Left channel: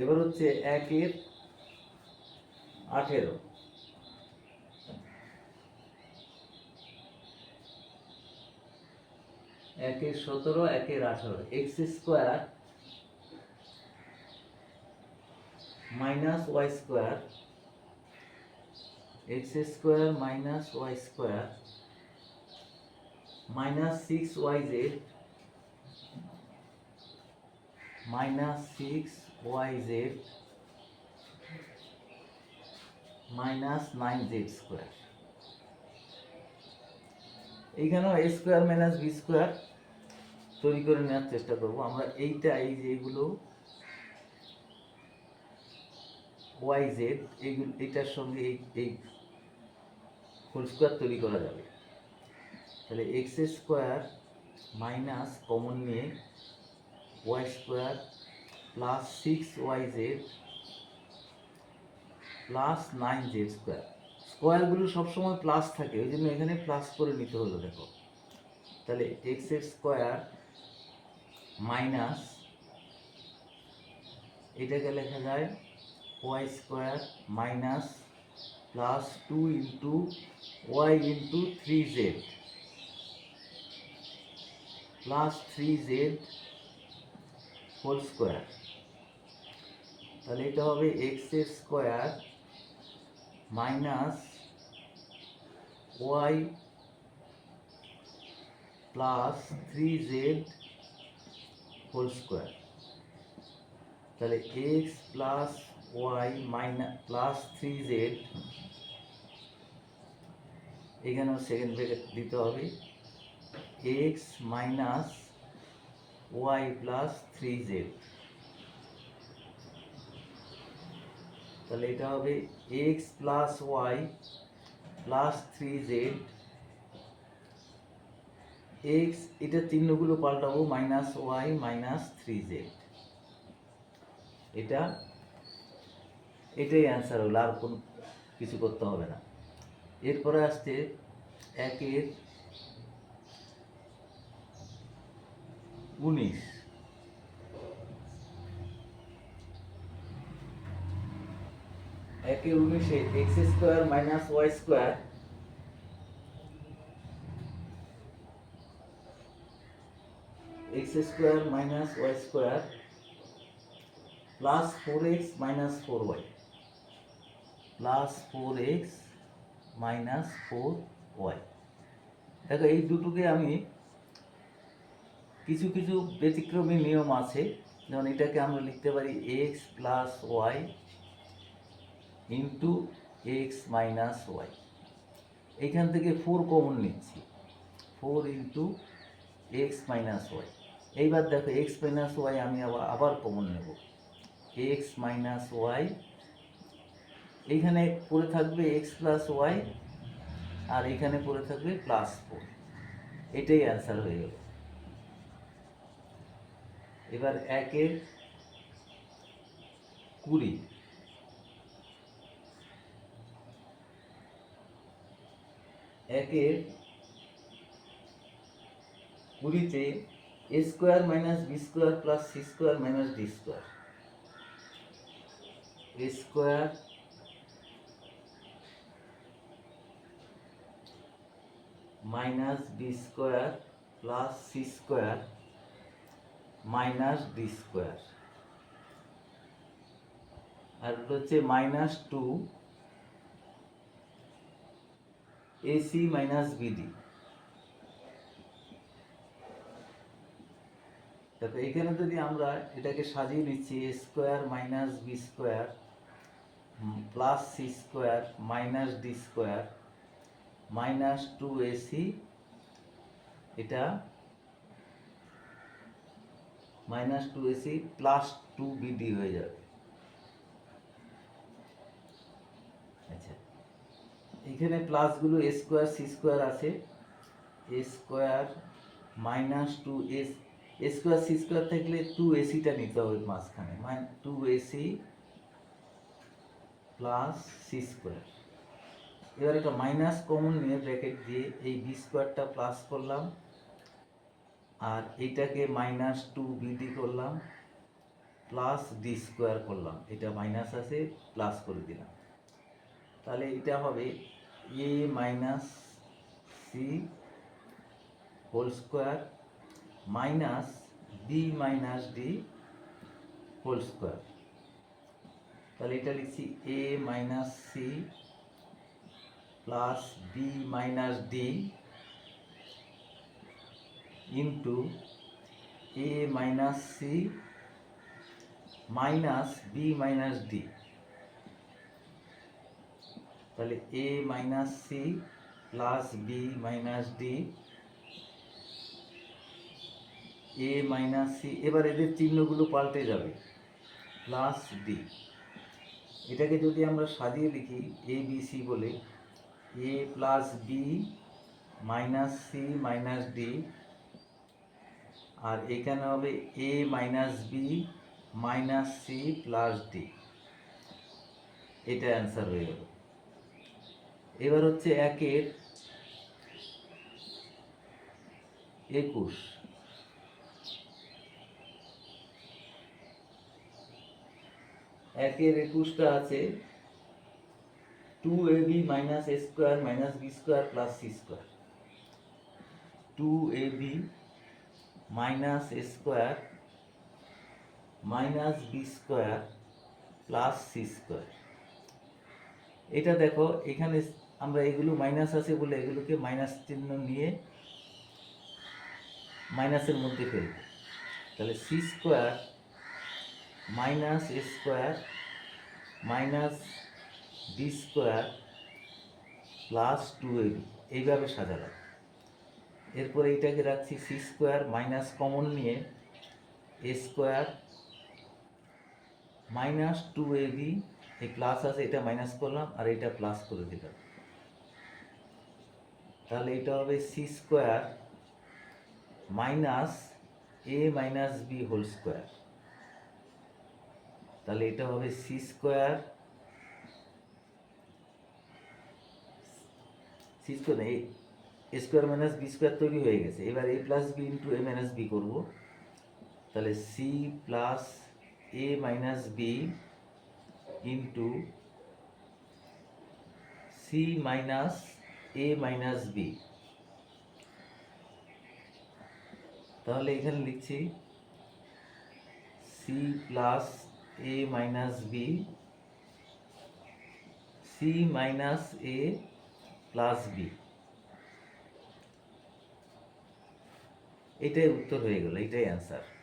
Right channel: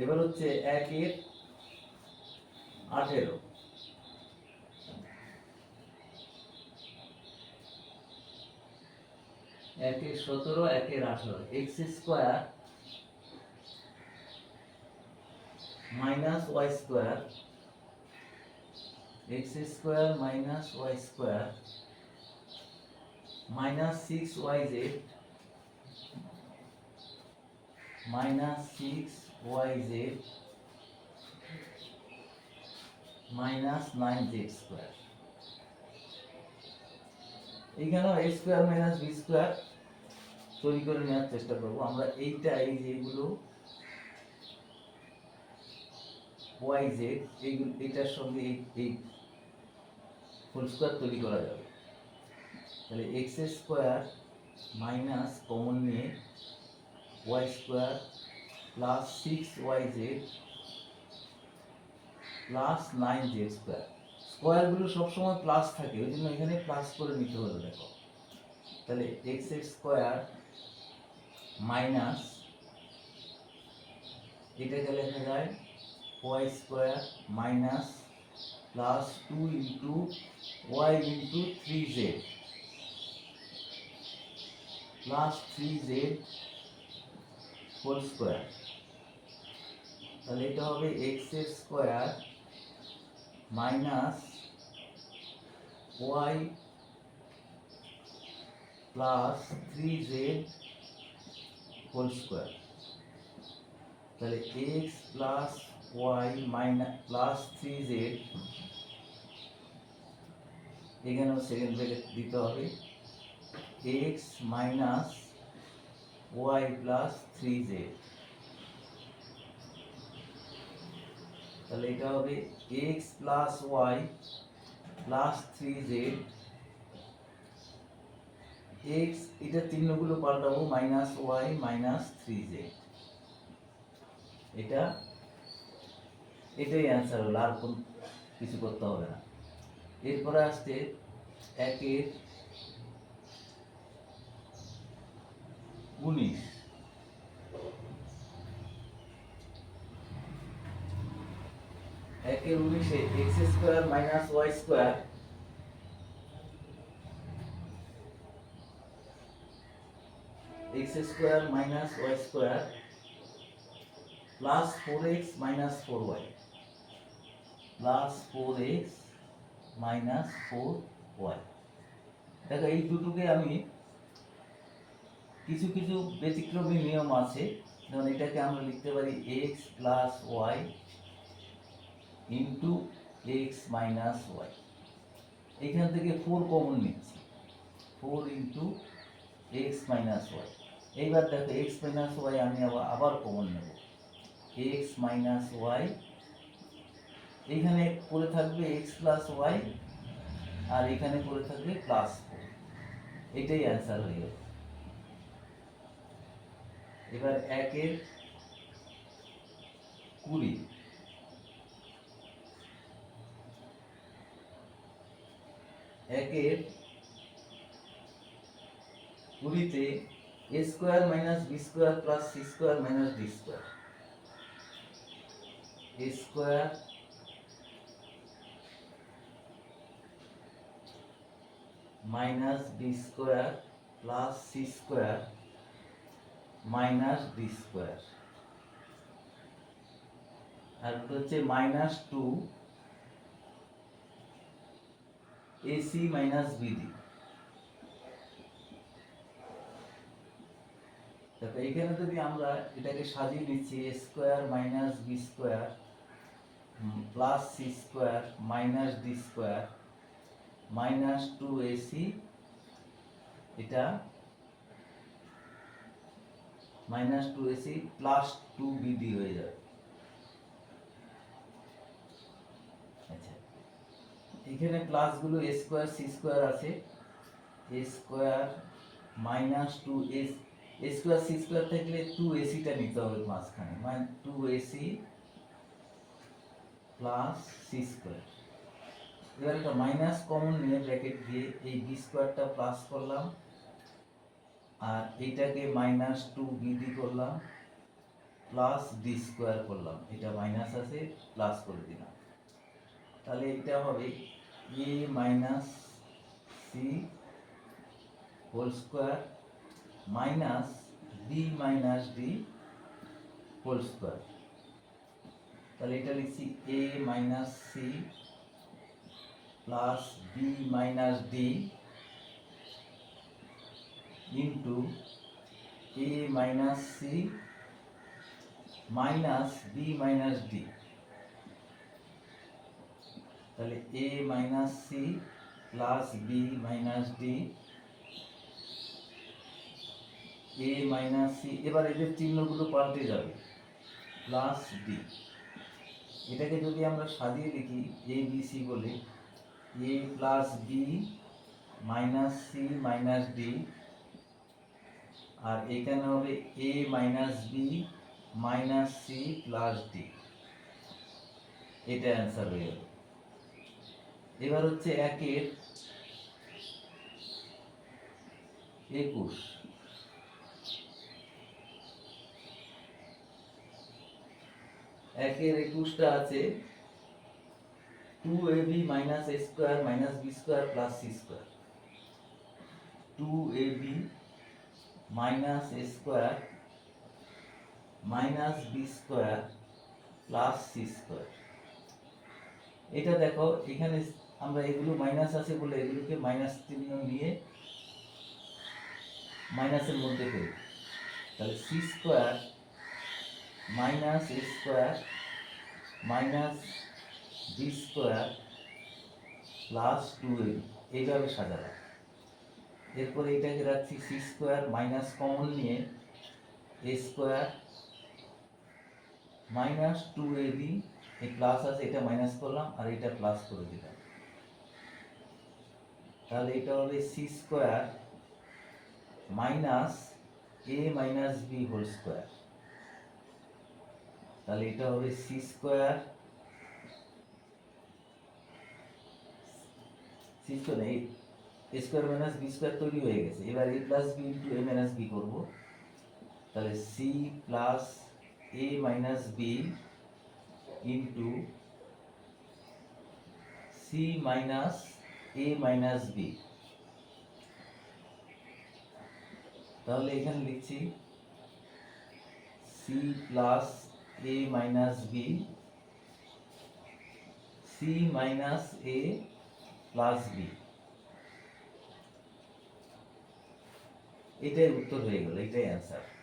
এবার হচ্ছে একের আঠেরো। একের সতেরো, একের আঠারো। X square minus Y square. X square minus Y square minus six Y Z minus six Y Z minus nine Z square এইখানেও A square minus B square তৈরি করে নেওয়ার চেষ্টা করব। আমরা এইটা, এই যে ওয়াই জেড এইগুলো, এইটার সঙ্গে এই এই হোল স্কোয়ার তৈরি করা যাবে। তাহলে এক্স স্কোয়ার মাইনাস কমন নিয়ে Y square plus six Y Z plus nine Z square স্কোয়ারগুলো সবসময় প্লাস থাকে ওই জন্য এখানে প্লাস করে নিতে হলো দেখো। তাহলে এক্স এক্স স্কোয়ার মাইনাস এটাকে লেখা যায় Y square minus plus two into Y into three Z plus three Z whole square তাহলে এটা হবে X square minus Y plus three Z whole square. তাহলে X plus Y minus plus three Z এখানেও second bracket দিতে হবে। X minus Y plus three Z তাহলে এটা হবে X plus Y plus three Z X এটা চিহ্নগুলো পাল্টাবো minus Y minus three Z এটা, এটাই অ্যান্সার হলো, আর কোন কিছু করতে হবে না। এরপরে আসছে একের উনিশ একের উনিশে X square minus Y square X square minus Y square plus four X minus four Y plus four X minus four Y দেখো, এই দুটোকে আমি কিছু কিছু ব্যতিক্রমী নিয়ম আছে। যেমন এটাকে আমরা লিখতে পারি X plus Y into X minus Y এইখান থেকে ফোর কমন নিচ্ছি। Four into X minus Y এইবার দেখো এক্স মাইনাস ওয়াই আমি আবার আবার কমন নেব। এক্স মাইনাস ওয়াই এইখানে পড়ে থাকবে এক্স প্লাস ওয়াই আর এখানে পড়ে থাকবে প্লাস ফোর এটাই অ্যান্সার হয়ে গেল। এবার একের কুড়ি। একের কুড়িতে A square minus B square plus C square minus D square A square minus B square plus C square minus D square আর হচ্ছে minus two AC minus BD তাতে এইখানে যদি আমরা এটাকে সাজিয়ে নিচ্ছি A square minus B square plus C square minus D square minus two AC এটা minus two AC plus two BD হয়ে যাবে। এখানে প্লাসগুলো এ স্কোয়ার সি স্কোয়ার আছে। A square minus two S A square C square থাকলে two এসিটা নিতে হবে মাঝখানে। মানে two AC plus C square এবার একটা মাইনাস কমন নিয়ে ব্র্যাকেট দিয়ে এই বি স্কোয়ারটা প্লাস করলাম। আর এইটাকে মাইনাস টু বিডি করলাম। প্লাস ডি স্কোয়ার করলাম। এটা মাইনাস আছে প্লাস করে দিলাম। তাহলে এটা হবে A minus C whole square minus B minus D whole square তাহলে এটা লিখছি A minus C plus B minus D into A minus C minus B minus D তাহলে A minus C plus B minus D A minus C এবার এদের চিহ্নগুলো পাল্টে যাবে। Plus D এটাকে যদি আমরা সাজিয়ে লিখি এ বি সি বলে A plus B minus C minus D আর এখানে হবে A minus B minus C plus D এটা অ্যান্সার হয়ে গেল। এবার হচ্ছে একের একুশ। একের একুশটা আছে two A B minus A square minus B square plus C square two A B minus A square minus B square plus C square এটা দেখো, এখানে আমরা এগুলো মাইনাস আছে বলে এগুলোকে মাইনাস চিহ্ন নিয়ে মাইনাসের মধ্যে ফেলব। তাহলে C square minus A square minus B square plus two A এইভাবে সাজালাম। এরপরে এটাকে রাখছি সি স্কোয়ার মাইনাস কমন নিয়ে A square minus two A B এই প্লাস আছে, এটা মাইনাস করলাম আর এটা প্লাস করে দিলাম। তাহলে এটা হবে C square minus A minus B whole square তাহলে এটা হবে C square C square A square minus B square তৈরি হয়ে গেছে। এবার A plus B into A minus B করব। তাহলে C plus A minus B into C minus A minus B তাহলে এখানে লিখছি C plus A minus B C minus A plus B এটাই উত্তর হয়ে গেল, এটাই অ্যান্সার